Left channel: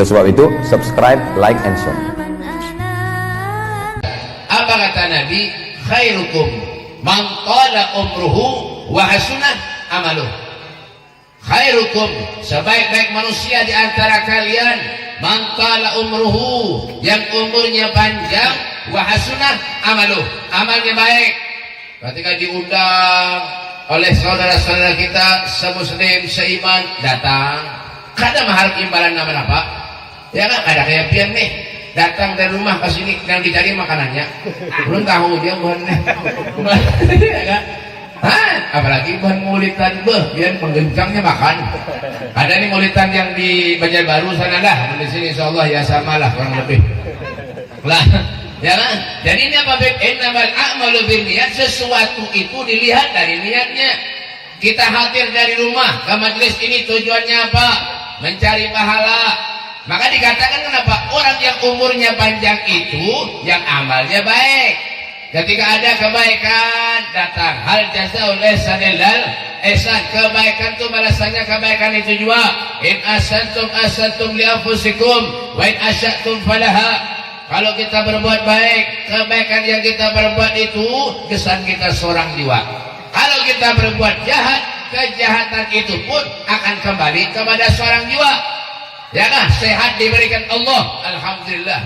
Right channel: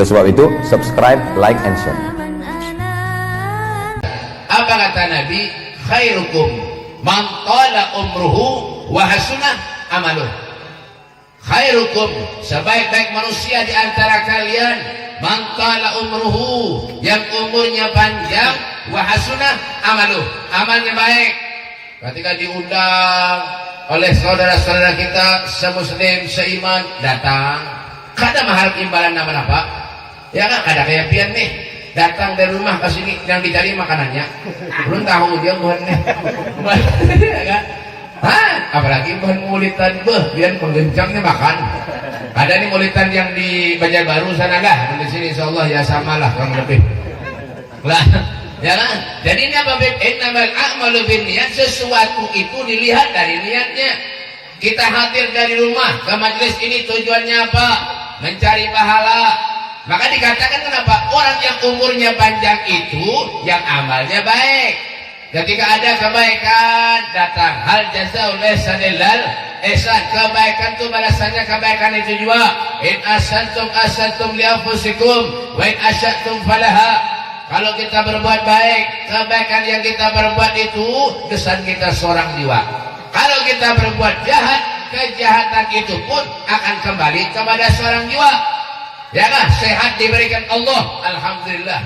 Oleh sebab itu, subscribe, like, and share. Apa kata Nabi? Khairukum man tala umruhu wa hasunah amaluh. Khairukum, sebaik-baik manusia di antara kalian, man tala umruhu, yang umurnya panjang, wa hasunah amaluh, amalnya baik. Ketika diundang oleh saudara-saudara kita semuslim seiman, datang kada mengharap imbalan nama-nama, ya kan? Ada kayak pian nih datang dari rumah ke sini yang dicari makanannya belum tahu dia buat ya kan? Apalagi bahan mulitan biar menggencangnya makan. Ada nih mulitan yang di Banjarbaru sana dah, di sini insyaallah ya samalah kurang lebih lah, ya kan? Jadi ini apa? Innamal a'malu binniyat, sesuatu itu dilihat dari niatnya. Kita hadir dari rumah ke majelis ini tujuannya apa? Mencari pahala. Maka dikatakan kenapa orang yang umurnya panjang itu yang amalnya baik. Ketika ada kebaikan datang, hal jazaa'ul ihsani illal ihsan, kebaikan itu balasannya kebaikan itu juga. In ahsantum ahsantum li anfusikum wa in asyatum falaha. Kalau kita berbuat baik, kebaikan yang kita berbuat itu kesan kita seorang jiwa. Kalau kita berbuat jahat, kejahatan itu pun akan kembali kepada seorang jiwa. Ya kan? Sehat diberikan Allah, alhamdulillah.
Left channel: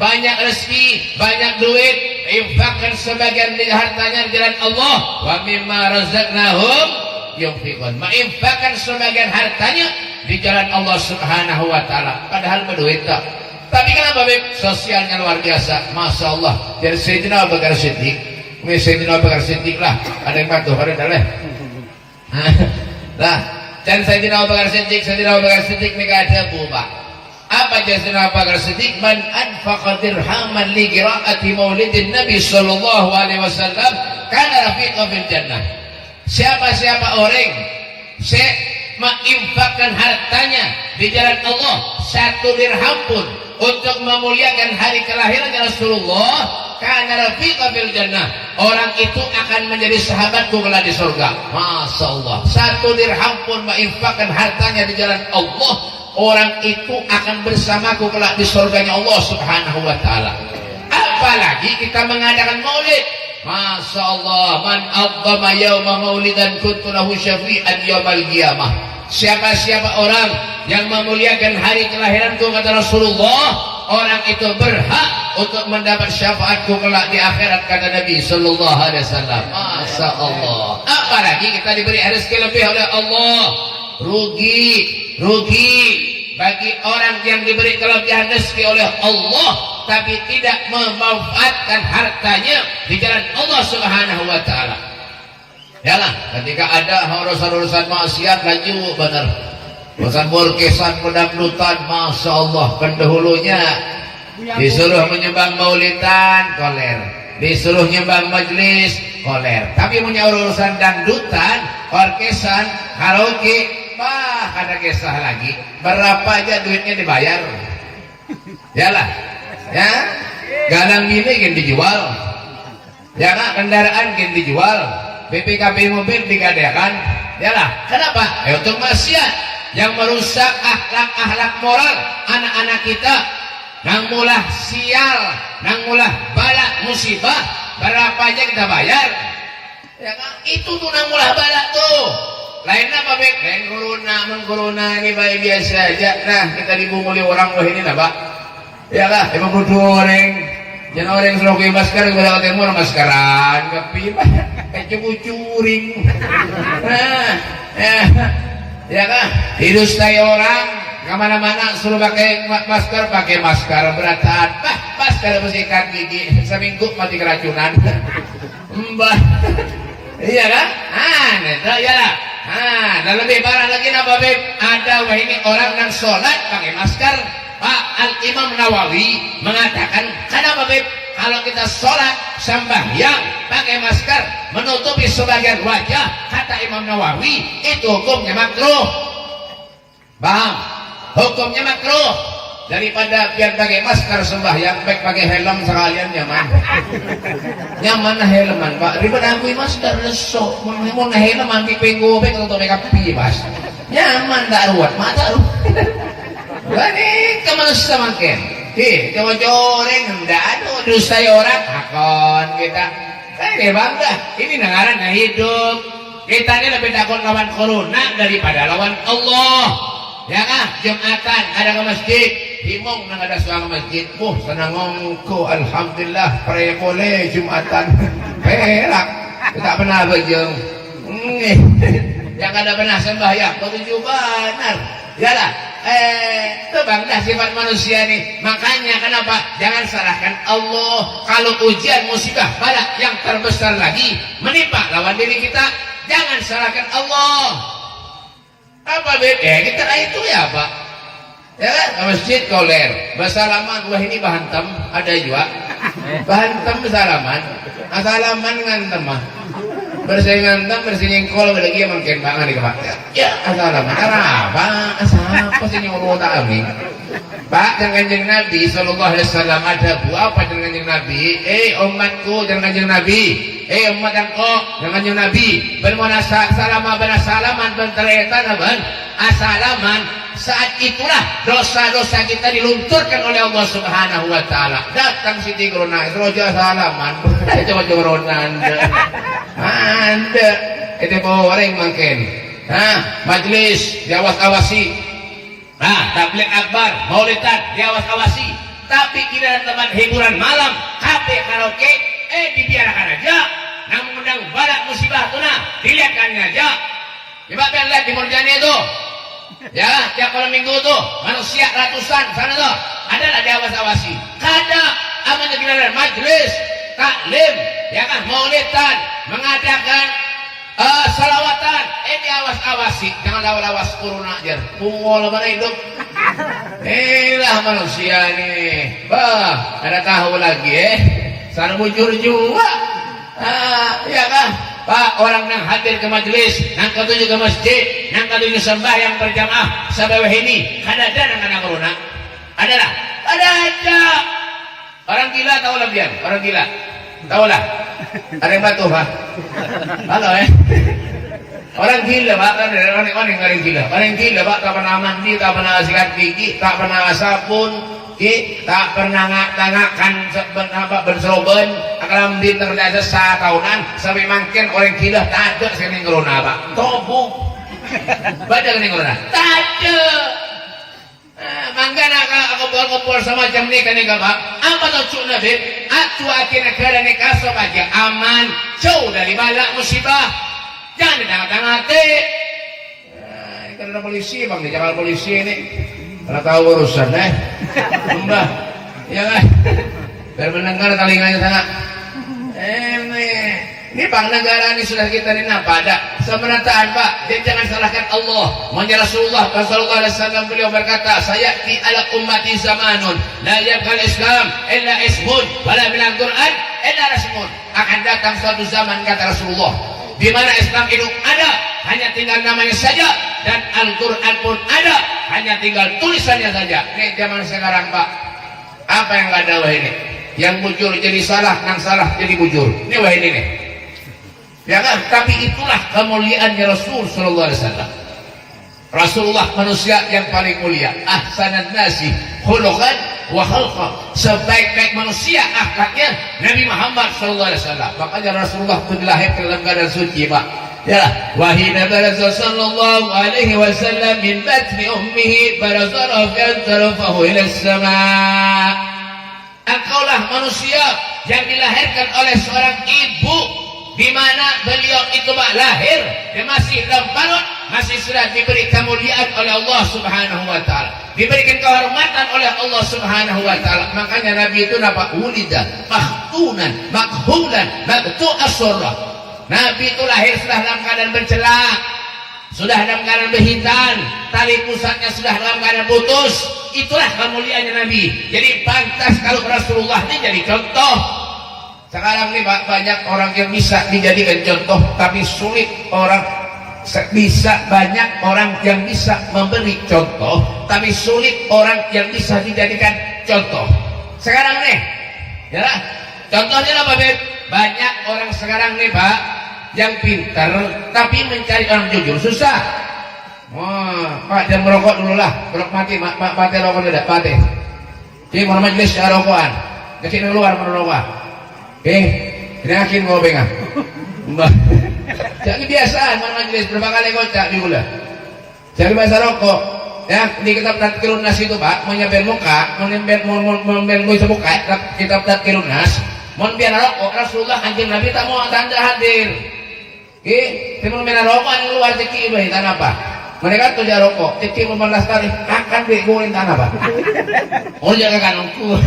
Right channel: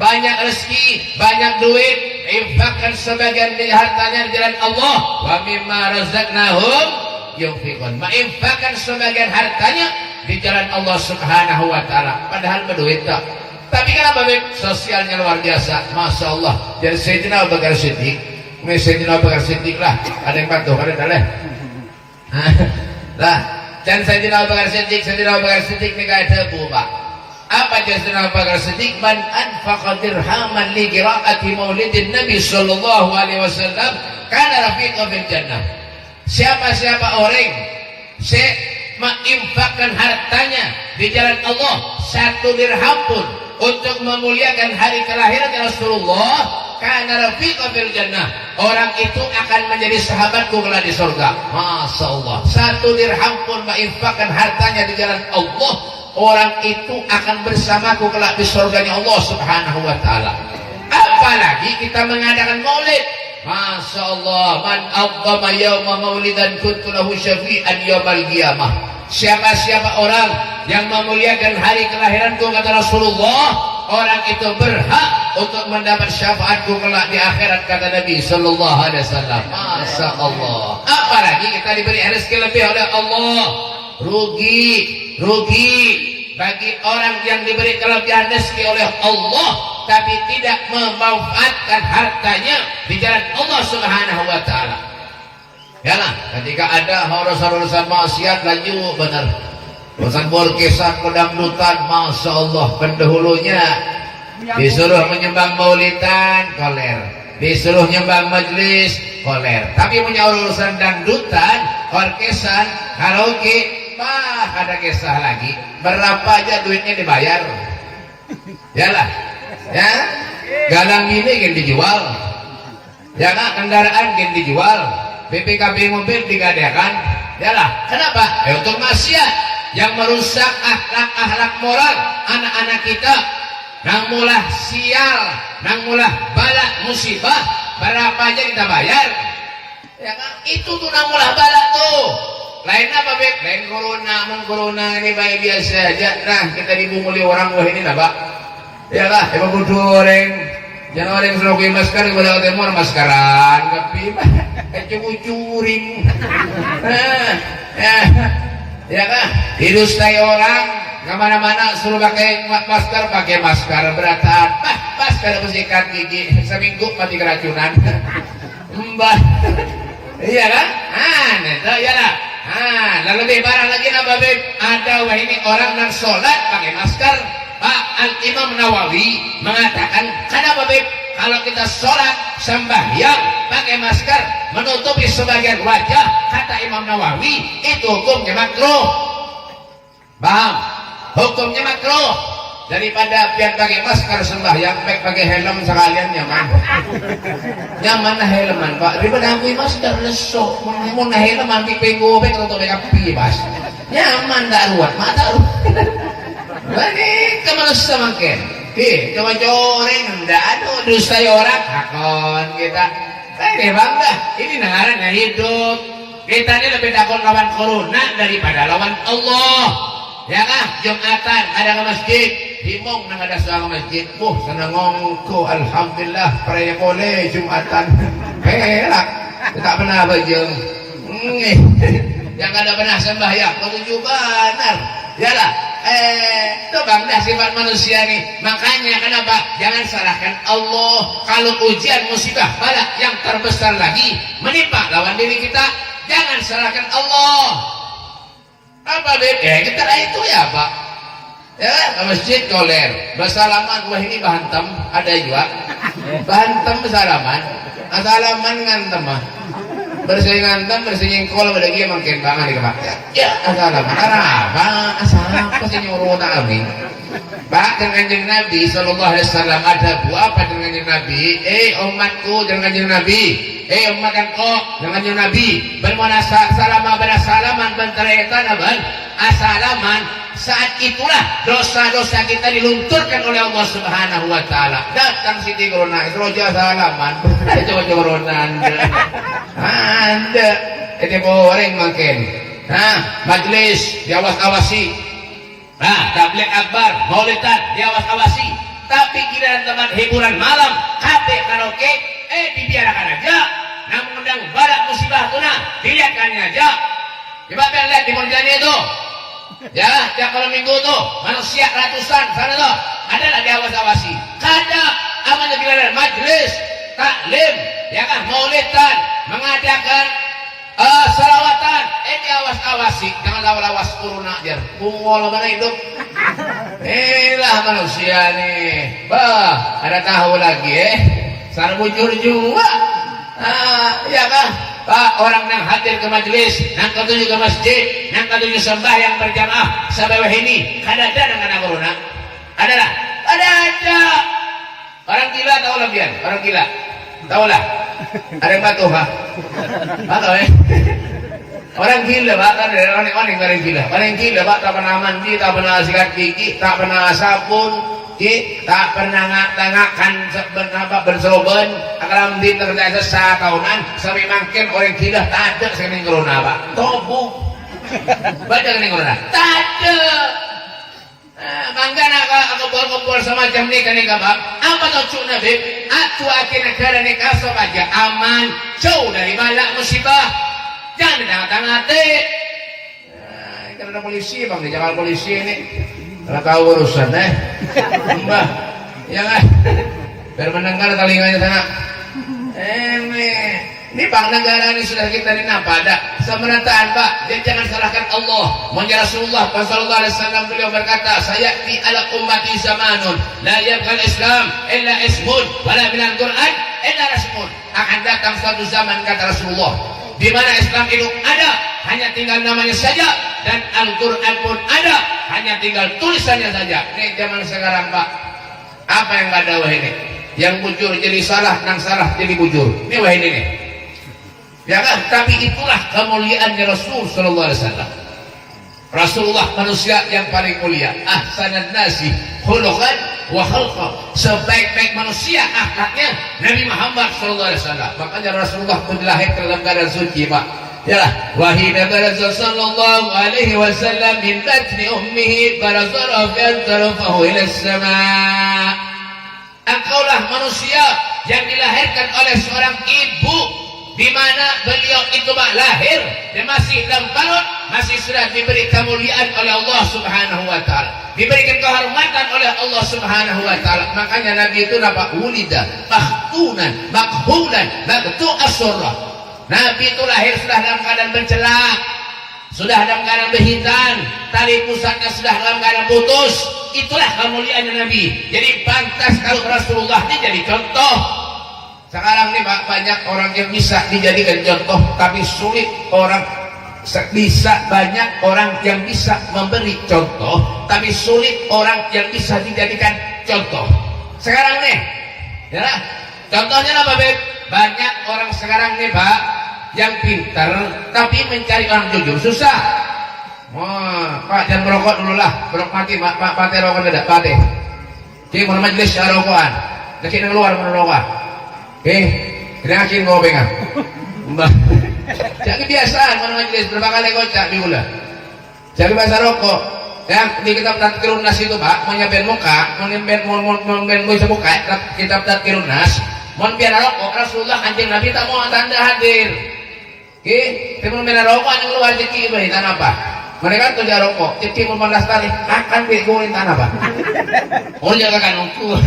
Banyak rezeki, banyak duit, infakkan sebagian dari hartanya di jalan Allah. Wa mimma razaqnahum yunfiqun. Menginfakkan sebagian hartanya di jalan Allah Subhanahu wa taala. Padahal berduit tak. Tapi kenapa Beb? Sosialnya luar biasa, masya Allah. Dari Sayyidina Abu Bakar Siddiq, Sayyidina Abu Bakar Siddiq lah, ada yang bantu, ada yang daleh. Lah, dan Sayyidina Abu Bakar Siddiq ni kata Pak. Apa Sayyidina Abu Bakar Siddiq? Man anfaqa dirhaman li qiraati maulidin Nabi sallallahu alaihi wasallam kana rafiqa fil jannah. Siapa-siapa orang menginfakkan hartanya di jalan Allah 1 dirham pun untuk memuliakan hari kelahiran Rasulullah, kana rafiqa fil jannah, orang itu akan menjadi sahabatku kelak di surga. Masya Allah, 1 dirham pun menginfakkan hartanya di jalan Allah, orang itu akan bersamaku kelak di surganya Allah Subhanahu wa taala. Apalagi kita mengadakan maulid, masya Allah, man adzama yauma maulidan kuntu lahu syafi'an yaumal qiyamah. Siapa-siapa orang yang memuliakan hari kelahiranku, kata Rasulullah, orang itu berhak untuk mendapat syafaatku kelak di akhirat, kata Nabi sallallahu alaihi wasallam. Masya Allah. Apalagi kita diberi rezeki lebih oleh Allah. Rugi bagi orang yang diberi kelebihan rezeki oleh Allah tapi tidak memanfaatkan hartanya di jalan Allah Subhanahu wa taala. Yalah, ketika ada urusan-urusan maksiat laju benar. Urusan borkesan, pendangdutan, masya Allah, pendahulunya disuruh menyembang maulidan, koler. Disuruh nyembang majlis, koler. Tapi punya urusan dangdutan, orkesan, karaoke, ada kisah lagi. Berapa aja duitnya dibayar? Yalah, ya, galang ini kan dijual, ya kan, kendaraan kan dijual, BPKB mobil dikadakan, yalah. Kenapa? Untuk maksiat yang merusak akhlak moral anak-anak kita. Nang mulah sial, nang mulah balak musibah, berapa aja kita bayar, ya kan? Itu tuh nang mulah balak tuh. Lain apa Bek? Lain corona ini baik biasa aja. Nah, kita dibunguli orang wah ini nah Pak. Ya lah, emang butuh orang. Jangan orang suruh pakai masker kepada orang timur maskeran, tapi curing. Ya kan? Didustai orang kemana-mana suruh pakai masker beratan. Masker bersihkan gigi seminggu mati keracunan. Mbah. Iya kan? Ya lah. Lalu lebih parah lagi napa Beb? Ada wah ini orang yang sholat pakai masker. Pak Al-Imam Nawawi mengatakan, kenapa Beb? Kalau kita sholat sembahyang pakai masker menutupi sebagian wajah, kata Imam Nawawi itu hukumnya makruh. Paham? Hukumnya makruh. Daripada biar pakai masker sembahyang, baik pakai helm sekalian nyaman. Nyaman helman Pak. Daripada aku masker lesok, mau helm anti penggo, baik untuk mereka bebas. Nyaman tak ruwet, mata ruwet. Lani kemana makin? Coba-coba nggak ada dosa orang akon kita. Ini bangga, ini negara nggak hidup. Kita ini lebih takut lawan corona daripada lawan Allah. Ya kan? Jumatan ada ke masjid, himong nang ada soal masjid. Senang ngongko, alhamdulillah, peraya boleh Jumatan. Perak, tak pernah bajeng. Yang ada pernah sembahyang, begitu benar. Yalah, itu bangga sifat manusia nih. Makanya kenapa? Jangan salahkan Allah. Kalau ujian musibah balak yang terbesar lagi menimpa lawan diri kita, jangan salahkan Allah. Apa beda? Kita itu ya Pak. Ya ke masjid koler, bersalaman. Wah ini bahantam ada juga. Bahantam bersalaman, asalaman ngantem mah. Bersih ngantem, bersih nyengkol, ada lagi makin bangan di Pak. Ya asalaman. Apa? Apa sih nyuruh tak kami? Pak, dengan kanjeng Nabi Sallallahu Alaihi Wasallam ada apa dengan kanjeng Nabi? Umatku dengan kanjeng Nabi. Umat engkau dengan kanjeng Nabi. Bermana salaman benteretan aban asalaman. Saat itulah dosa-dosa kita dilunturkan oleh Allah Subhanahu Wa Taala. Datang Siti Corona, rojo asalaman. Coba corona anda itu goreng makin. Majlis diawas-awasi. Tabligh akbar, maulidan diawas-awasi. Tapi kira teman hiburan malam, kafe karaoke, dibiarkan aja. Namun undang balak musibah tuna, dilihatkan aja. Coba kalian lihat di Murjani itu. Ya, tiap malam minggu tuh manusia ratusan sana tuh adalah diawas-awasi. Kada amannya giliran majlis, taklim, ya kan maulidan, mengadakan salawatan, diawas-awasi. Jangan lawas corona aja. Pungol mana hidup? Inilah manusia nih. Bah, ada tahu lagi sana bujur juga. Ya kan? Pak, orang yang hadir ke majelis, yang ketujuh ke masjid, yang ketujuh sembahyang berjamaah, sebab ini kada ada dengan corona. Adalah, ada. Orang gila tahu lah biar, orang gila tahu lah. Ada yang batu pak, tahu Orang gila pak, kan orang gila. Orang gila pak, tak pernah mandi, tak pernah sikat gigi, tak pernah sabun. Tak pernah ngatakan bersoben akram di terbiasa setahunan sampai makin orang gila tak ada sekali corona pak tobo baca kena corona tak ada mangga nak kumpul semacam ni kena pak apa tujuan nabi atu akhir negara ni kasar aja aman jauh dari balak musibah jangan ditanggat-tangati karena polisi bang di Jakarta polisi ini kalau tahu urusan mbah ya kan biar mendengar telinganya sana ini bang negara ini sudah kita ini apa ada semerataan pak jadi jangan salahkan Allah maunya Rasulullah Sallallahu Alaihi Wasallam beliau berkata saya di ala ummati zamanun la yabqal Islam illa ismun wala bilang Quran illa rasmun akan datang suatu zaman kata Rasulullah di mana Islam itu ada hanya tinggal namanya saja dan Al-Quran pun ada hanya tinggal tulisannya saja. Ini zaman sekarang pak apa yang gak ada wah ini yang bujur jadi salah yang salah jadi bujur ini wah ini nih ya kan tapi itulah kemuliaannya Rasul Sallallahu Alaihi Wasallam. Rasulullah manusia yang paling mulia ahsanan nasi khuluqan wa khalqa sebaik-baik manusia akhlaknya Nabi Muhammad Sallallahu Alaihi Wasallam. Makanya Rasulullah lahir ke dalam keadaan suci pak ya wahina baraza sallallahu alaihi wasallam min batni ummihi baraza rafa'an tarafahu ila sama' engkaulah manusia yang dilahirkan oleh seorang ibu di mana beliau itu lahir dan masih dalam perut masih sudah diberi kemuliaan oleh Allah Subhanahu wa taala diberikan kehormatan oleh Allah Subhanahu wa taala. Makanya Nabi itu napa ulida mahtunan makhulan mabtu as-surra. Nabi itu lahir sudah dalam keadaan bercelak, sudah dalam keadaan berhitan, tali pusatnya sudah dalam keadaan putus. Itulah kemuliaannya Nabi. Jadi pantas kalau Rasulullah ini jadi contoh. Sekarang nih banyak orang yang bisa dijadikan contoh, tapi sulit orang bisa banyak orang yang bisa memberi contoh, tapi sulit orang yang bisa dijadikan contoh. Sekarang nih, ya, contohnya apa Beb? Banyak orang sekarang nih Pak yang pintar tapi mencari orang jujur susah. Wah, Pak jangan merokok dulu lah. Mati rokok tidak, mati. Jadi mau majelis rokokan. Lagi keluar merokok. Kena akin ngobengan. Jangan kebiasaan mau majelis berapa kali kocak di gula. Jangan biasa rokok. Ya, di kitab Tadkirun Nas itu Pak, menyebut muka, menyebut muka, kitab Tadkirun Nas, mau biar rokok, Rasulullah anjing Nabi tak mau tanda hadir. Tapi mau rokok yang luar ceki beri tanah apa? Mereka tuh jaga rokok, ceki 15 kali, akan begoin tanah apa? Oh jaga kan ukur.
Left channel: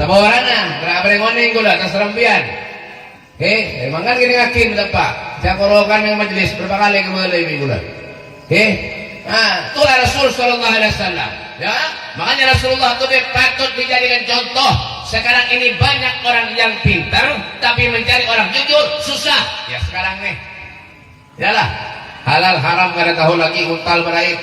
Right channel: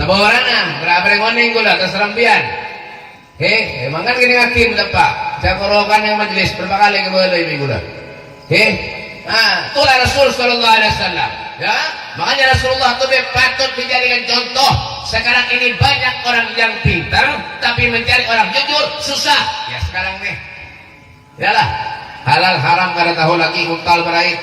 Nama orangnya, berapa ngoning gula, terserempian. Emang kan gini hakim Pak, jaga rokokan yang majelis berapa kali keluar dari minggu lah. Itulah Rasul Sallallahu Alaihi Wasallam. Ya, makanya Rasulullah itu patut dijadikan contoh. Sekarang ini banyak orang yang pintar, tapi mencari orang jujur susah. Ya sekarang nih, yalah halal haram kada tahu lagi untal meraih,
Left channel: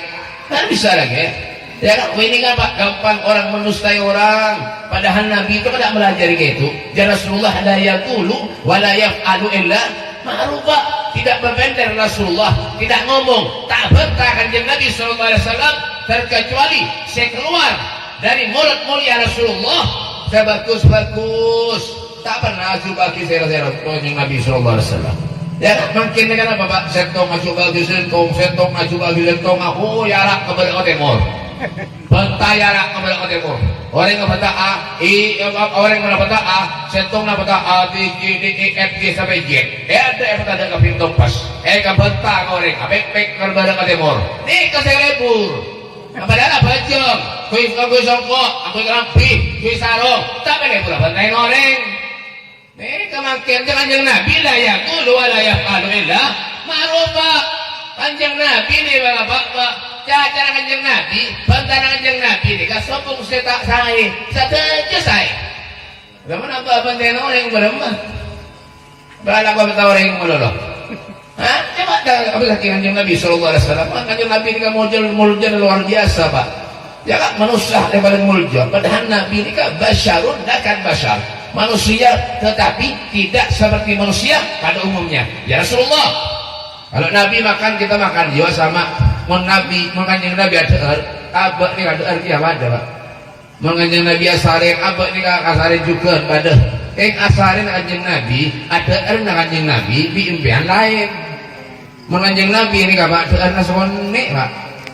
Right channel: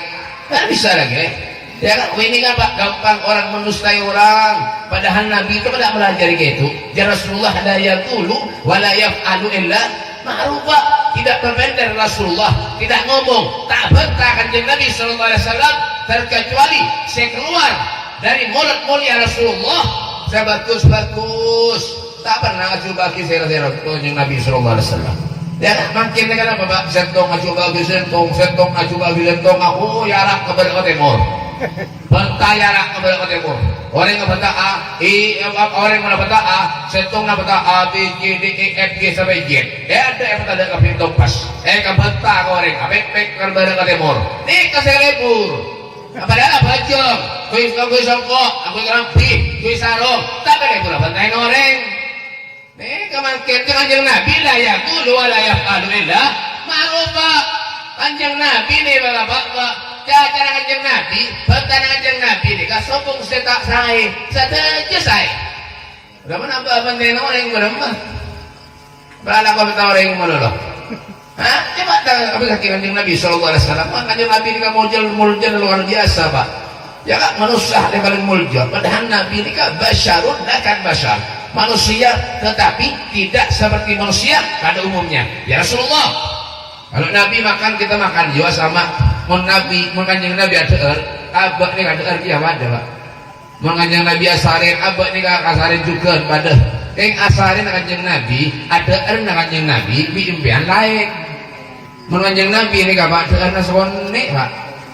kan bisa lagi. Ya kan, ini kan Pak gampang orang menustai orang. Padahal Nabi itu tidak melajari gitu. Ya Rasulullah la yaqulu wa la yaf'alu illa ma'rufa. Tidak berbentar Rasulullah, tidak ngomong, tak berkah kanjeng Nabi Sallallahu Alaihi Wasallam terkecuali saya keluar dari mulut mulia Rasulullah saya bagus, tak pernah aju bagi saya kanjeng Nabi Sallallahu Alaihi Wasallam. Ya mungkin kan apa Pak? Sentong aju bagi sentong aju bagi sentong aku yarak kepada timur. Bentai yarak kepada timur. Orang yang berkata orang yang berkata sentong nak berkata A, B, C, D, E, F, G sampai Z. Ada yang berkata ke pintu pas. Kebentar orang, pek kepada ke timur. Nih kasih lebur. Padahal apa jong? Kuis songkok, aku rampi, kuis sarung. Tapi lebur bentai orang. Nih kemangkin kanjeng Nabi lah ya, kudu layak alhamdulillah. Marufa kanjeng Nabi nih bapak. Cara kanjeng Nabi, bantana kanjeng Nabi ni kasopong setak sangai, saja saya. Berapa nampak bantai orang berapa? Berapa kau bertahu orang melolo? Coba tak apa kaki kanjeng Nabi Sallallahu Alaihi Wasallam? Kanjeng Nabi ni kan muljal luar biasa Pak. Ya kan manusia dia paling muljal. Padahal Nabi ni kan basyarun, bukan basyar. Manusia tetapi tidak seperti manusia pada umumnya. Ya Rasulullah, kalau Nabi makan kita makan juga sama. Nabi menganjing Nabi ada abak ni ada arti apa ada Pak? Menganjing Nabi asarin abak ni asarin juga pada asarin kanjeng Nabi ada erna kanjeng Nabi di impian lain. Menganjing Nabi ni apa ada erna sone Pak?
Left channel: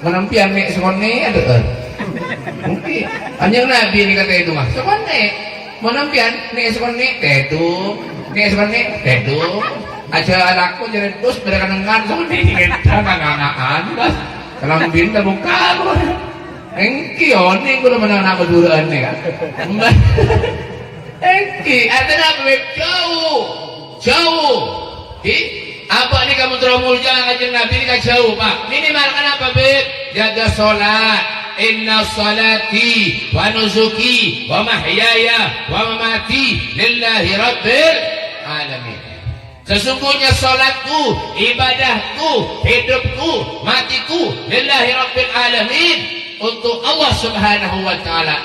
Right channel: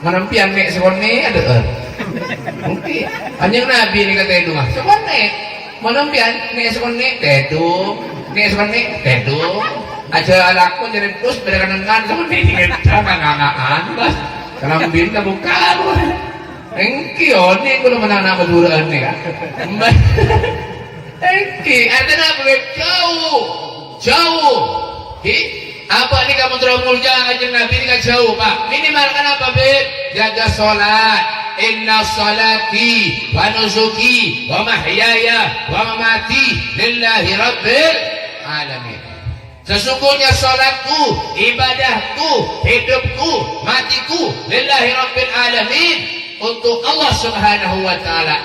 Menampian nek sone ada er. Mungkin kanjeng Nabi ni kata itu mah sone. Menampian nek sone tedu, nek sone tedu. Aja anakku jadi terus berkenangan sama ini ngangaan bos kalau binta buka engki oni kulo menang keduraan nih kan engki ada apa jauh apa nih kamu teromul jangan aja Nabi ini kan jauh Pak minimal kan apa bet jaga sholat inna salati wa nusuki wa mahyaya wa mamati lillahi rabbil alamin. Sesungguhnya salatku, ibadahku, hidupku, matiku lillahi rabbil alamin untuk Allah Subhanahu wa taala.